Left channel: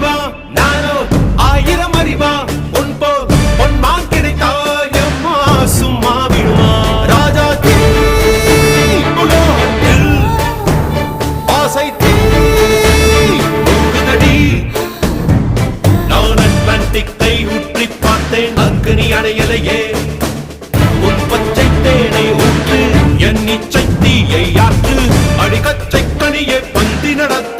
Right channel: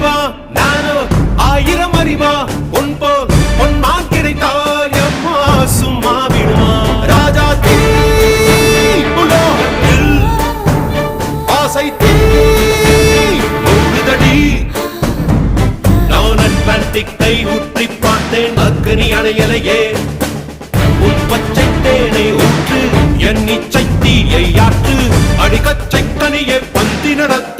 அறிவா நானோ 1000 அறிவா உன் போல் பொன்மான் கிடைத்தாயம்மா சும்மா விடுமா ராஜா தீ உலோகத்தில் ஆசை தீ மூடுதடி நான் அட்லாண்டிக்கை ஊற்றி பார்த்தேன் அக்னி அணையலையே உன் பச்சை தேனை ஊற்று என் இச்சை தீயை ஆற்று அடிக்கச்சை கனியை பந்தி நடத்த